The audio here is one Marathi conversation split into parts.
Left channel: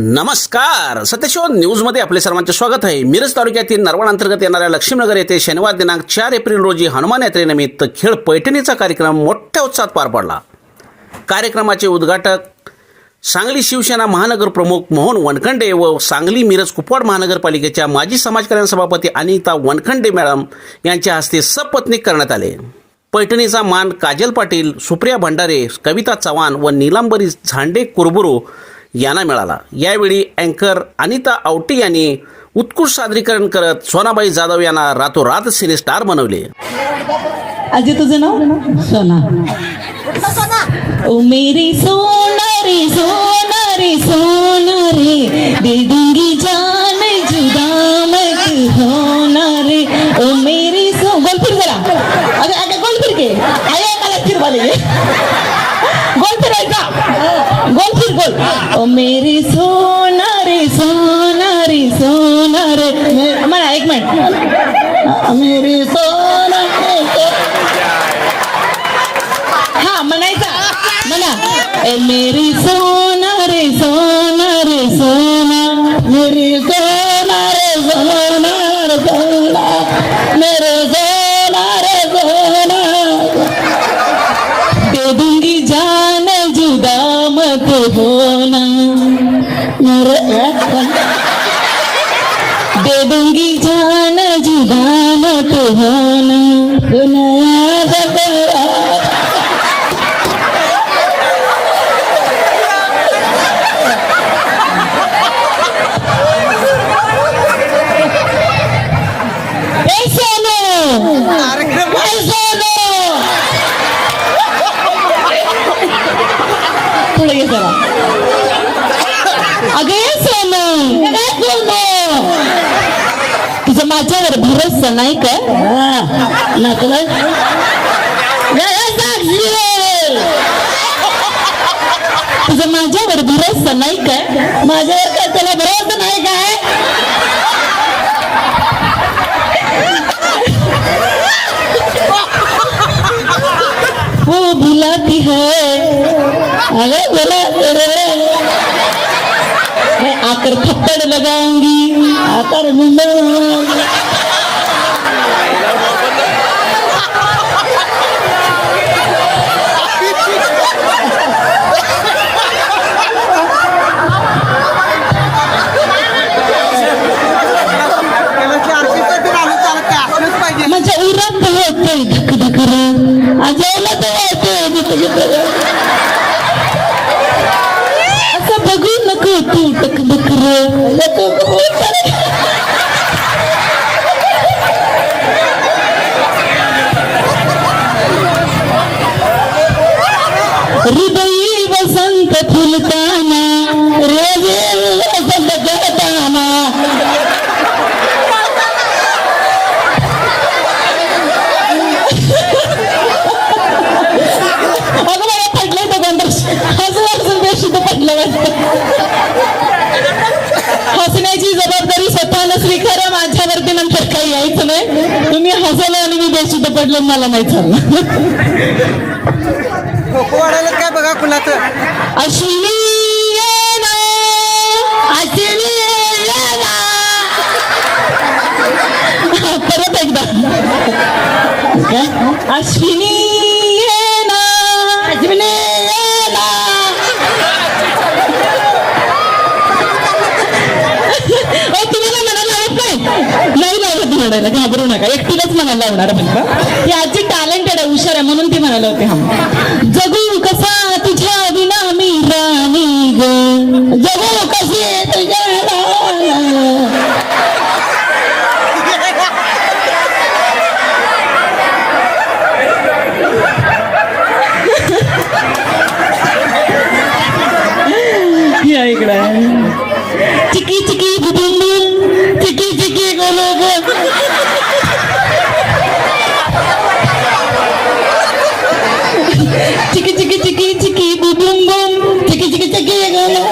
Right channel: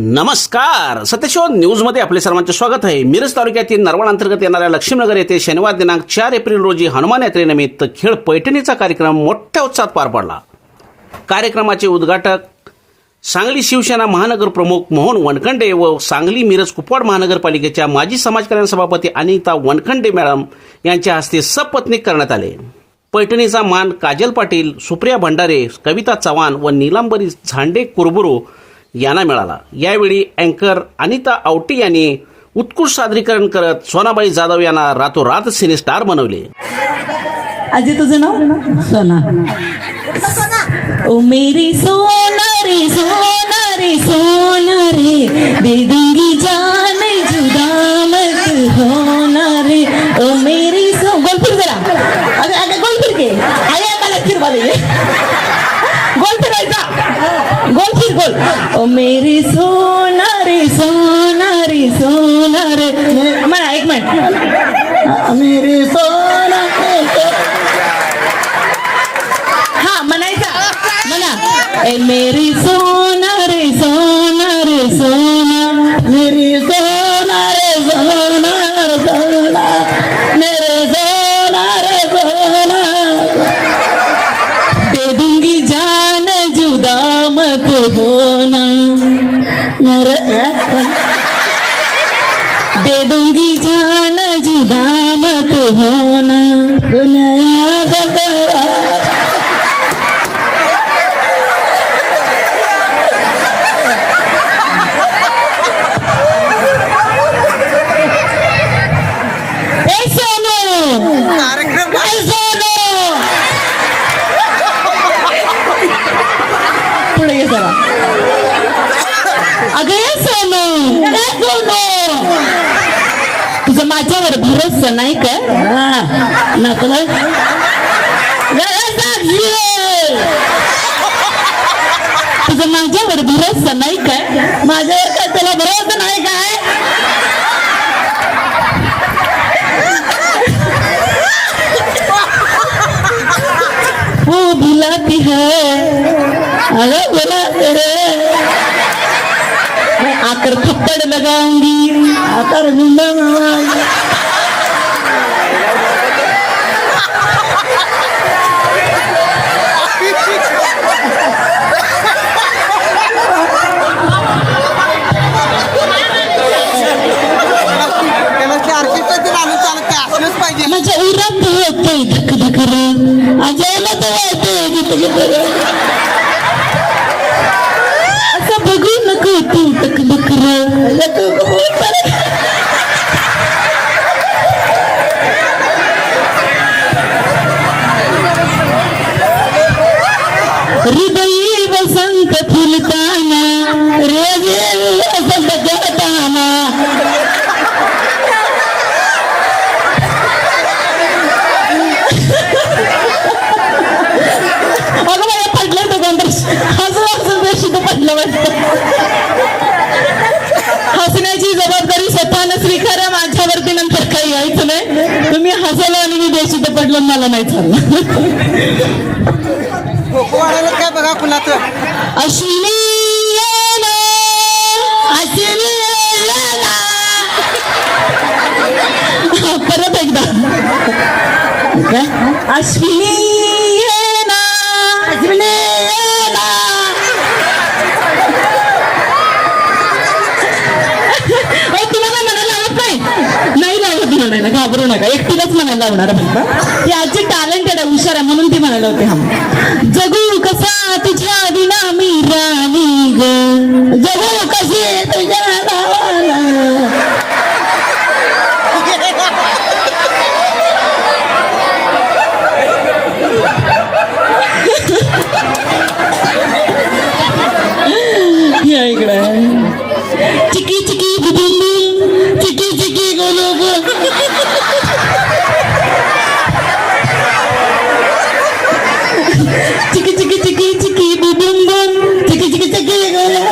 नमस्कार. सत्यशोध न्यूजमध्ये आपले सर्वांचे स्वागत आहे. मिरज तालुक्यातील नरवण अंतर्गत येणाऱ्या लक्ष्मीनगर येथे शनिवार दिनांक 4 एप्रिल रोजी हनुमान यात्रेनिमित्त खेळ पैठणीचा कार्यक्रम मोठ्या उत्साहात पार पडला. कार्यक्रमाचे उद्घाटक सांगली शिवसेना महानगर प्रमुख मोहन वनखंडे व सांगली मिरज कुपवाड महानगरपालिकेच्या माजी समाजकल्याण सभापती अनिता वनखंडे मॅडम यांच्या हस्ते सपत्नीक करण्यात आले. पैठणीचा मान काजल पाटील, सुप्रिया भंडारे, कविता चव्हाण व नीलांबरी झांडे कुरबुरू यांना मिळाला. यावेळी अँकर अनिता आवटी यांनी उत्कृष्ट सादरीकरण करत सोनाबाई जाधव यांना रातोरात सिने स्टार बनवले. अजय तुझं नाव सोना. ओ मेरी सोना रे सोना रे सोना रे दे दूंगी जान जुदा मत होना रे. ओ मेरी गोल फिर जरा. अगं गोल फिर के आया मला फिर बोले गोल फिरायचा. गोल फिर गोल. ओ मेरी सोना रे सोना रे सोना रे. मला एक मिनिट. मेरी सोना रे हा म्हणायचं म्हणा. ए मेरी सोना रे सोना रे सोना मेरी सोना रे सोना रे सोना मेरे सोना रे सोना दे दूंगी जान जुदा मत होना मेरे दे दूंगी जान जुदा मत होना. तुझं माझ्यावर भरोसा नाही का? तुझं माझ्यावर भरोसा नाही काय? माझ्यावर काय त्याला भरोसा नाही काय? वो भुलाती है अरे बुलाते है मैं आकर थप्पड़ लगाऊंगी आकर म्हणजे उरात होते धक धक रे माझ्याला तर असं बघू नको तू टक टक रे. हृदयी वसंत फुलताना रेजे वसंत गळताना हसण्याची जबाबदारी स्वतःला स्वीकारा. माझ्यावरती नंतर काही यायचं नाही. तुम्ही हसायला आणि मी बेशुद्ध पडलं मला नाही झालं. काय बघा कुणाचं अश्विनी परत एकदा अश्विनी तुम्हाला म्हणायला आवडत नाही लावत म्हणायला. घाबरू नका. एकटीलाच म्हणायला लावणार. ती आजी टॅलेंटेड आहे, हुशार आहे म्हणून ती म्हणायला होती. हम जगू कसा तुझ्या विना मी राणी ग जगू कशी तुझ्या इकडे चिकी चिकी बुबुंबुम चिकी चिकी गोलोग चिकी चिकी चिकी चिकी बुबुंबुम चिकी चिकी चिकी गोलोग.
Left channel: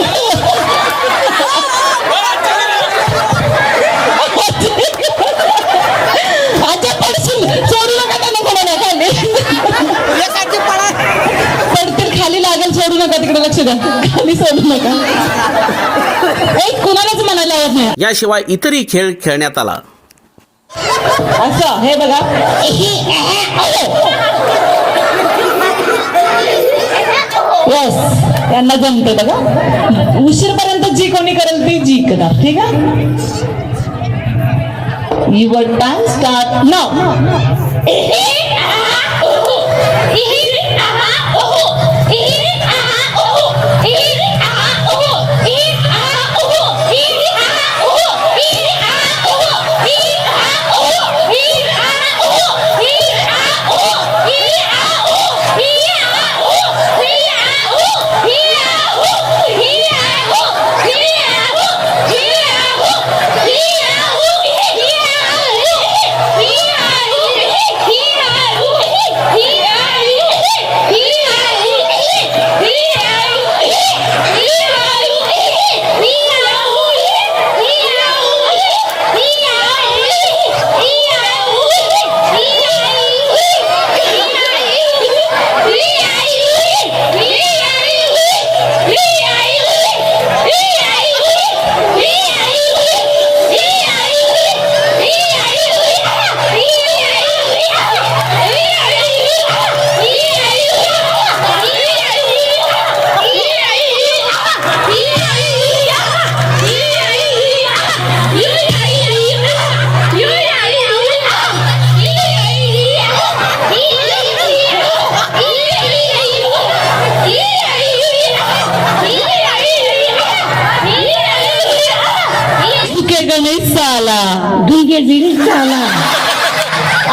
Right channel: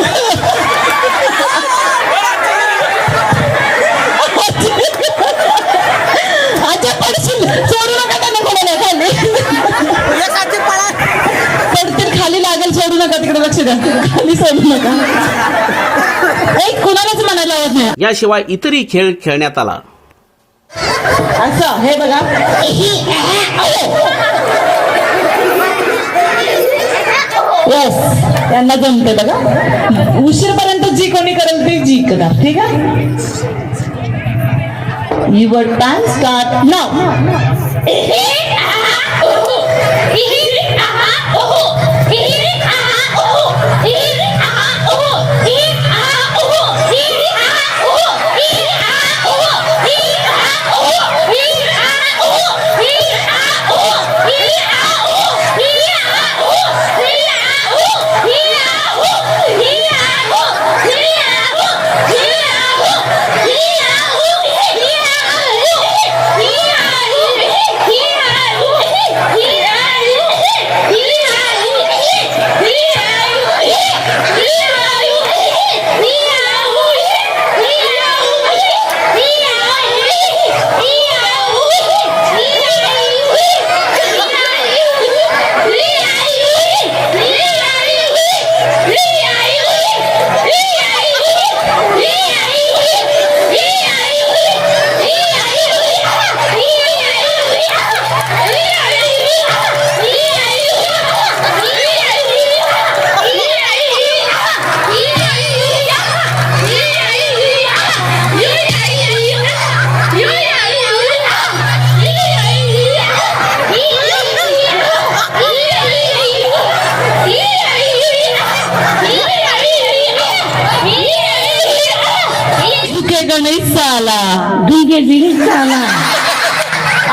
अच्छा पडशील सोडू नका कोणाला पडतील खाली लागेल. सोडू नका तिकडे लक्ष द्या. खाली सोडू नका. कुणालाच म्हणायला आवडत नाही याशिवाय इतरही खेळ खेळण्यात आला. असं हे बघा यस त्यांना जमते बघा. उशीरपर्यंत जी कोणी करेल ते जिंकणार. ठीक आहे. Your time start now.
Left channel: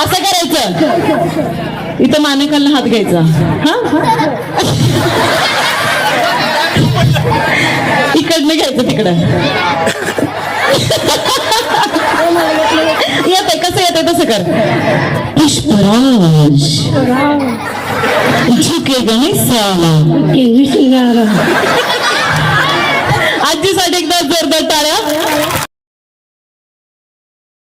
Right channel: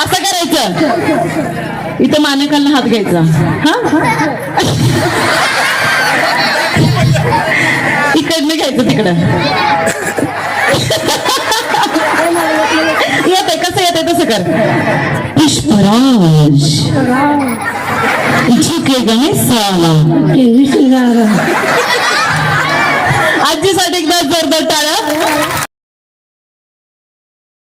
असं करायचं. इथं मानेखालनं हात घ्यायचा. हा इकडनं घ्यायचं तिकडं. येते कसं येते तसं कर. पुष्पराज झुकेगा नहीं साला. आजीसाठी एकदा जोरदार टाळ्या.